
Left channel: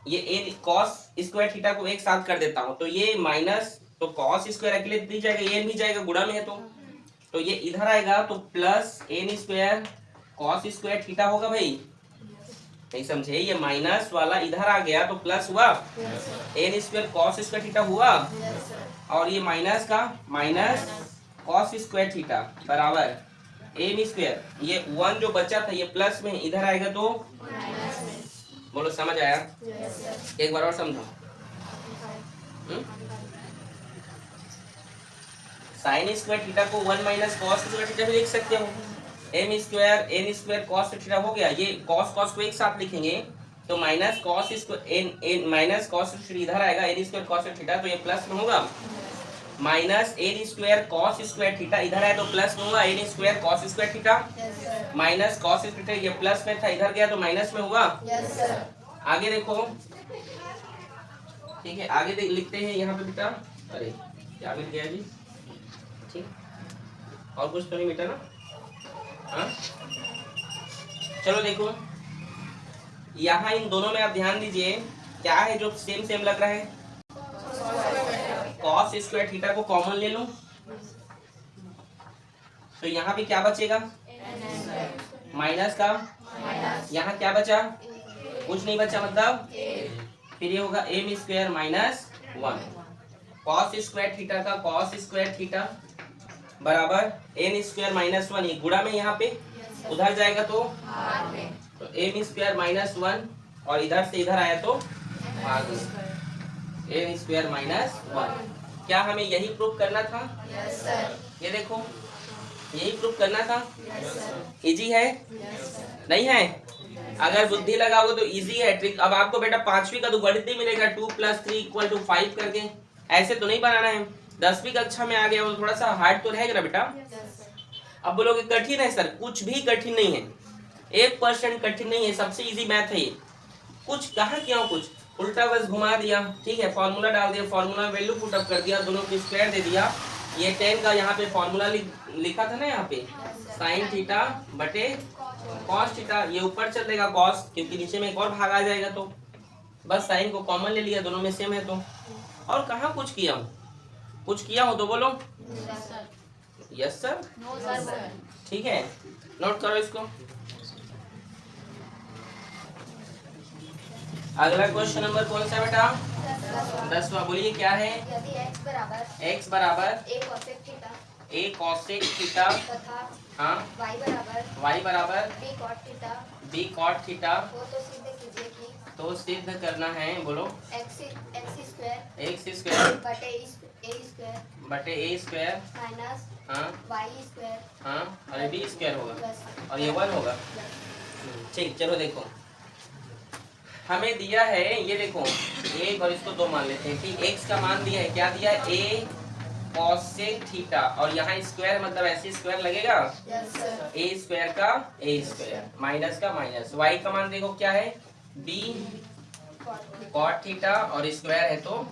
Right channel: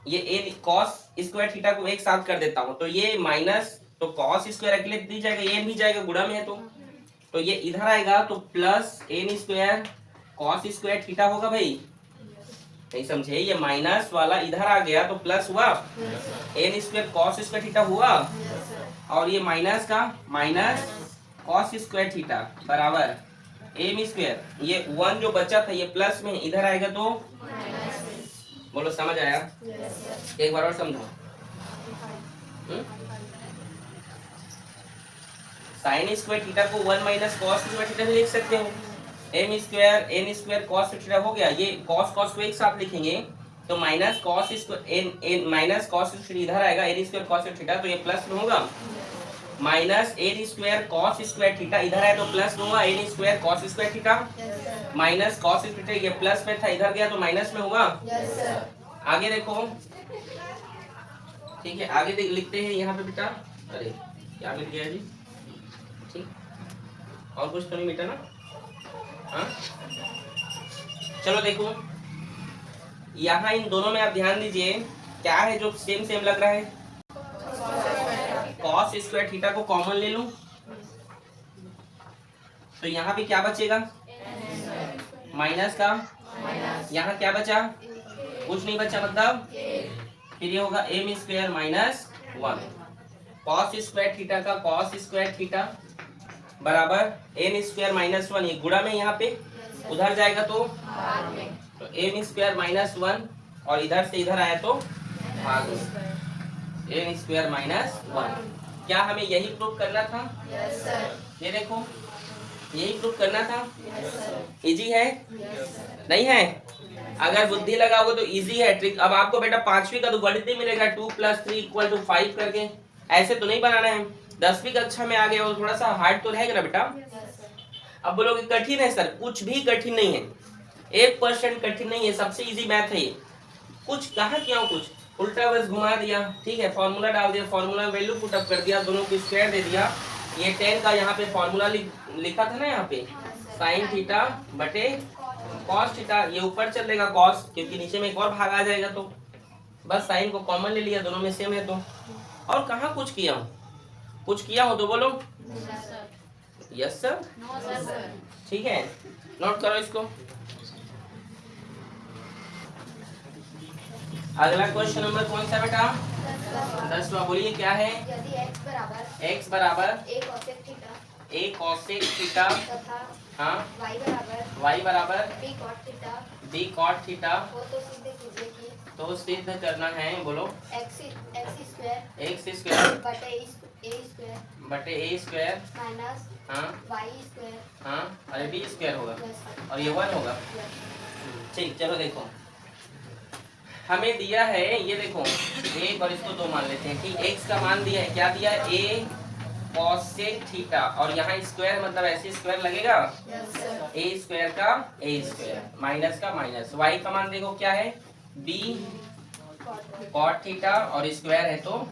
ये एन कॉस स्क्वायर थीटा को एक साथ कर देता हूँ, तो ये माइनस, तो कॉस स्क्वायर अकेले दी जाएगा, एन भी जाएगा, गुणा में है तो ये इधर आएगा तो plus n square cos square theta होगा भाई। नहीं समझे? ये माइनस वाला इधर आ गया तो प्लस हुआ, n square cos square theta हुआ, और ये माइनस का माइनस कॉस स्क्वायर थीटा बराबर एम स्क्वायर। ये 1 जो बचा था ये प्लस में इधर आएगा तो बोलो समझ आया? एक बार और समझो। साइन स्क्वायर थीटा को 1 माइनस कॉस स्क्वायर थीटा भी लिख सकते हो। M square n square cos theta हो गया। ये कॉस को एक साथ लिखेंगे तो minus cos square n minus cos इधर आएगा, एन स्क्वायर कॉस थीटा, तो ये प्लस में होगा। Minus n square cos square theta इधर आया तो प्लस में होगा, n square cos square theta minus cos theta, ये प्लस में था इधर गया तो माइनस में होगा। आगे देखो, ठीक है? आगे लिखते हैं यहाँ पे बेटा। अरे क्या मिल गया जी? ठीक, और कुछ तो नहीं बेटा ना? हाँ, चलो देखो यहाँ इन दोनों में आप ध्यान दीजिए, क्या है जो सेम लग रहा है? कॉस स्क्वायर थीटा को कॉमन ले लूं तो यहाँ पे क्या बचेगा? माइनस का, यहाँ क्या बचा? कुछ नहीं बचा, मतलब फिर ये होगा m square minus 1 cos square theta का कॉस स्क्वायर थीटा बराबर एन स्क्वायर माइनस 1, ये गुणा में यहाँ पे उधर जाएगा तो एम स्क्वायर माइनस 1, और इधर से इधर आया तो भाग एन स्क्वायर माइनस 1। क्या हमें यही प्रूफ करना था? ये देखो, यही प्रूफ करना था। इजी है? नहीं है? अगर बुद्धि लगाओगे तो इजी है ट्रिक। अब आपको बेटा 5वीं का तो गणित ही मिलेगा 2 + 3 = 5 करके, ऐसे तो नहीं बनाना है। 10वीं कक्षा में आ गया वो थोड़ा सा हार्ड तो रहेगा ना बेटा। अब बोलोगे कठिन है सर, कुछ भी कठिन नहीं है, 1% कठिन नहीं है, सबसे इजी मैथ है ये। कुछ कहा क्या, कुछ उल्टा बस घुमा दिया, ठीक है? फॉर्मूला डाल दिया, फॉर्मूला वैल्यू पुट अप कर दिया, दोनों की स्क्वायर दे दिया। ये 10 का यहाँ पे फॉर्मूला लिखा था ना, यहाँ पे साइन थीटा बटे कॉस थीटा, ये ऊपर चल देगा कॉस, क्योंकि नीचे में एक और भाग आ जाएगा, तो बस साइन को कॉमन ले लिया, दोनों में सेम है तो। और कहाँ कुछ किया हूँ? कुछ किया हो तो बोलो यस सर, ठीक है? नोट करो इसको। अगला क्वेश्चन नंबर कौन सा बेटा? 10वां। बोलिए क्या है? यदि x बराबर x बराबर a cosec theta a cosec theta तथा हाँ y y बराबर बराबर b cot theta b cot theta. वो तो सिद्ध कीजिए कि तो सिद्ध करना है, बोलो। x स्क्वायर एक्स स्क्वायर बटे a स्क्वायर बटे ए स्क्वायर, माइनस हाँ y स्क्वायर हाँ, और बी स्क्वायर होगा प्लस और ये 1 होगा। ठीक, चलो देखो हमें दिया है, ये देखो एक और इसको 2 मान लेते हैं कि x का मान दिया है, क्या दिया है, a cosec थीटा, और यहाँ स्क्वायर मतलब ऐसे स्क्वायर लगेगा, a स्क्वायर का a स्क्वायर माइनस का माइनस, y का मान देखो क्या है, b cot थीटा और स्क्वायर है तो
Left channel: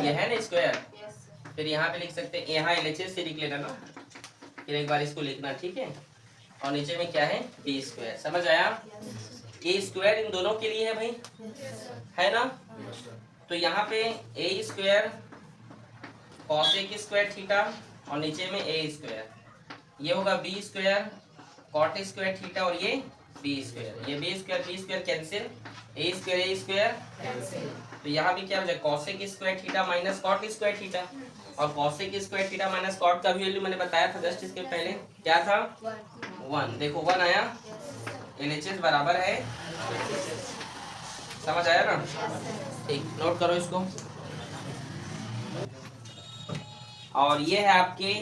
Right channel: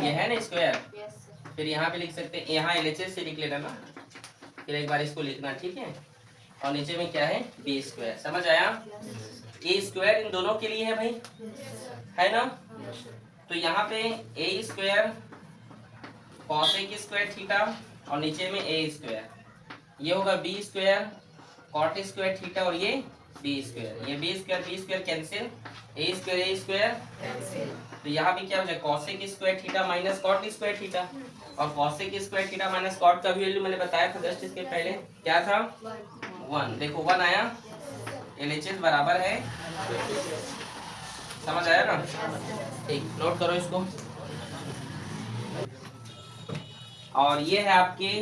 ये है ना स्क्वायर। फिर यहाँ पे लिख सकते हैं, यहाँ LHS से लिख लेना ना, फिर एक बार इसको लिखना, ठीक है। और नीचे में क्या है, बी स्क्वायर, समझ आया। ए स्क्वायर इन दोनों के लिए है भाई, है ना। तो यहाँ पे A square cosec square theta और नीचे में ए स्क्वायर, ये होगा B square cot square theta और ये बी स्क्वायर, ये B square cancel, A square तो यहाँ पे क्या हो जाए, cosec square theta minus cot square theta, और cosec square theta minus cot का वैल्यू मैंने बताया था जस्ट इसके पहले, क्या था 1। देखो 1 आया, LHS बराबर है, समझ आया ना। ठीक, नोट करो इसको। और ये है आपके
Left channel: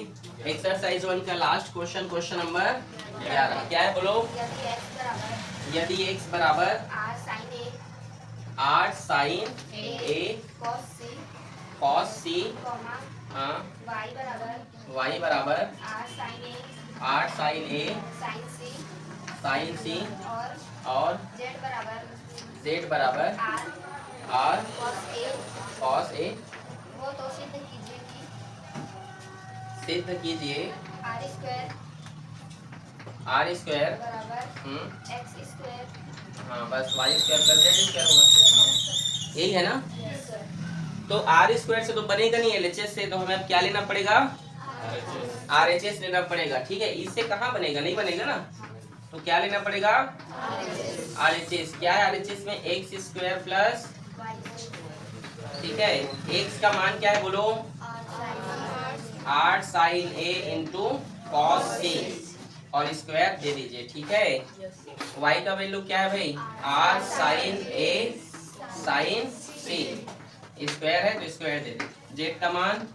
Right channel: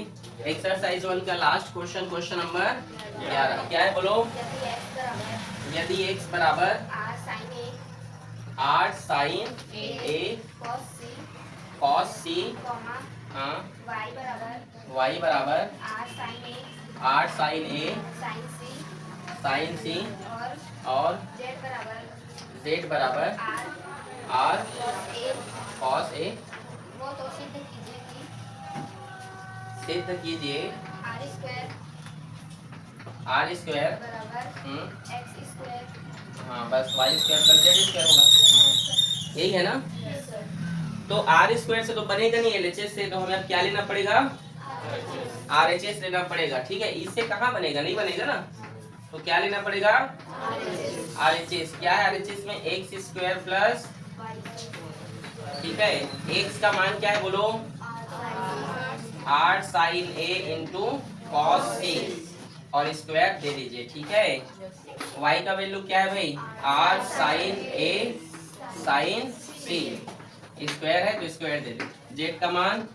एक्सरसाइज 1 का लास्ट क्वेश्चन, क्वेश्चन नंबर 11। क्या है बोलो, यदि x बराबर r sin a cos c, हाँ, y बराबर r sin a sin c और z बराबर r cos a, वो तो सिद्ध कीजिए कि सिद्ध कीजिए r स्क्वायर बराबर x स्क्वायर हाँ बस y square plus z square होगा, यही है ना। तो r स्क्वायर से तो बनेगा नहीं LHS से, तो हमें अब क्या लेना पड़ेगा, RHS लेना पड़ेगा, ठीक है। इससे कहाँ बनेगा, नहीं बनेगा ना, तो क्या लेना पड़ेगा, RHS। क्या है RHS में, एक्स स्क्वायर प्लस, ठीक है, x का मान क्या है बोलो, r sin a into cos a और स्क्वायर दे दीजिए, ठीक है। y का वैल्यू क्या है भाई, r sin a sin c, square है तो स्क्वायर दे दीजिए, z का मान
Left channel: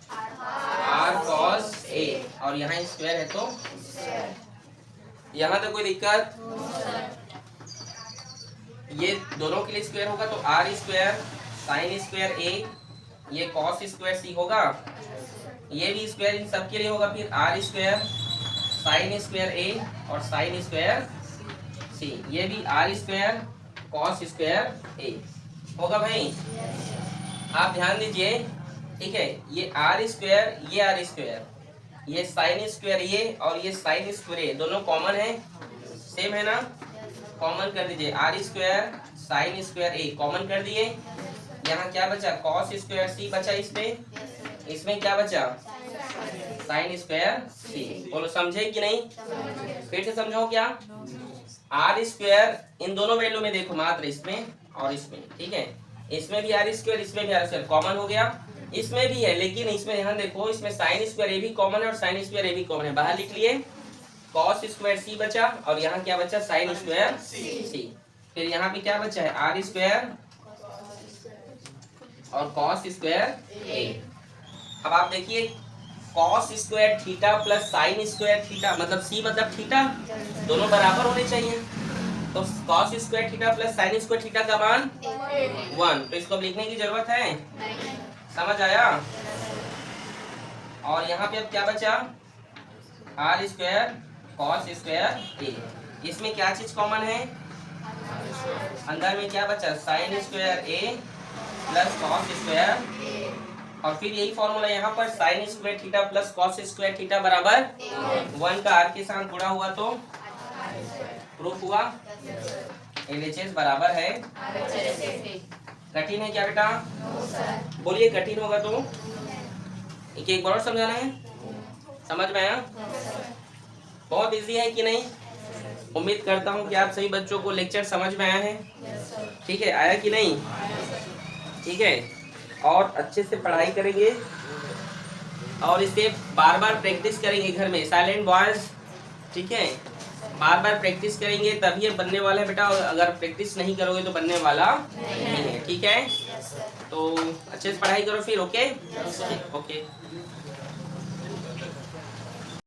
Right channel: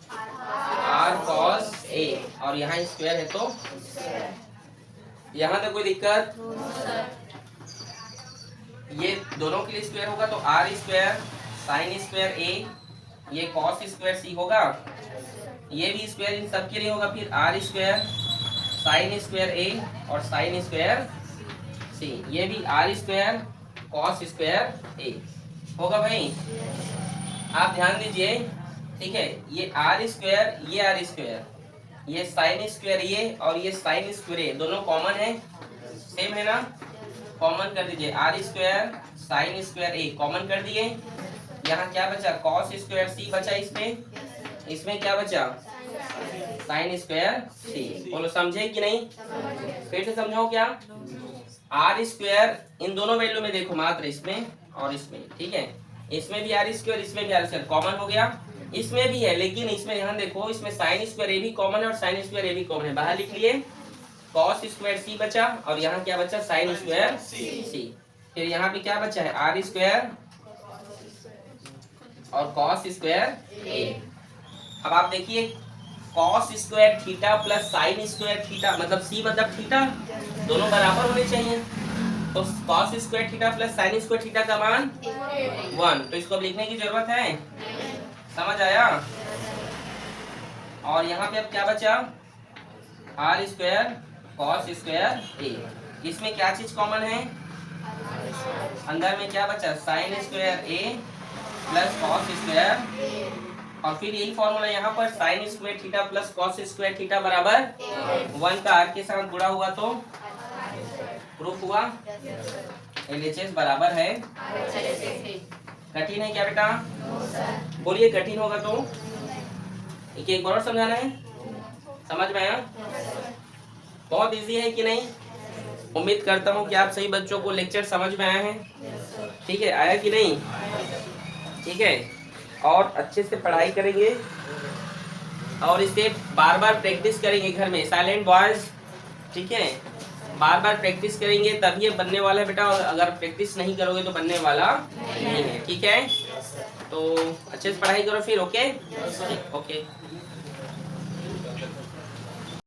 r cos a और यहाँ स्क्वायर है तो यहाँ तो कोई दिक्कत, ये दोनों के लिए स्क्वायर होगा तो r square sine square a, ये cos स्क्वायर c होगा, ये भी स्क्वायर इन सब के लिए होगा, फिर r square sine square a और साइन स्क्वायर c, ये भी r square cos square a होगा भाई। आप ध्यान दीजिए, ठीक है, ये r स्क्वायर, ये r स्क्वायर, ये साइन स्क्वायर ये और ये साइन स्क्वायर ये दोनों कॉमन है, सेम है ना, कॉमन कर दीजिए, r square sine square a common कर दिए, यहाँ क्या बचा, कॉस स्क्वायर c बचा, इसमें क्या बचा, साइन स्क्वायर c। बोलो समझे कि नहीं, फिर से समझो क्या, r स्क्वायर इन दोनों वैल्यू में देखो, मात्र इसमें और इसमें, ठीक है, इसमें भी r स्क्वायर, इसमें भी r स्क्वायर कॉमन हो गया, इसमें भी है, लेकिन इसमें यहाँ देखो, इसमें साइन स्क्वायर a भी कॉमन है और साइन स्क्वायर a भी कॉमन है, बाहर लिख लिए, कॉस स्क्वायर c बचा और यहाँ क्या बचा, साइन स्क्वायर c। फिर यहाँ पे क्या बचा है, r स्क्वायर और कॉस स्क्वायर a। अब आप देखिए, cos square theta plus sign square theta, मतलब c मतलब थीटा, दोनों बराबर होने चाहिए, तो cos square theta plus sign square theta का मान 1, तो इसको अब लिखने की जरूरत है, समझ आया। और यहाँ पे अब क्या बचा, r square cos square a, इसमें क्या चीज कॉमन है, अंदर में क्या बचा, sine square a plus cos square, और फिर यही फॉर्मूला यहाँ पर, sign square theta plus cos square theta बराबर 1 का r के साथ गुणा हुआ तो प्रूफ हुआ, LHS बराबर है। कठिन है क्या बेटा, बोलिए कठिन होगा तो एक बार और समझाना है, समझ में आया, बहुत इजी है कि नहीं। उम्मीद करता हूँ कि आप सभी बच्चों को लेक्चर समझ में आया है, ठीक है, आया कि नहीं, ठीक है, और अच्छे से पढ़ाई करेंगे और इसे बार बार प्रैक्टिस करेंगे घर में, साइलेंट वॉइस ठीक है, बार बार प्रैक्टिस करेंगे तभी ये बनने वाला है बेटा, और अगर प्रैक्टिस नहीं करोगे तो बनने वाला नहीं है। ठीक है, तो अच्छे से पढ़ाई करो फिर। Okay okay.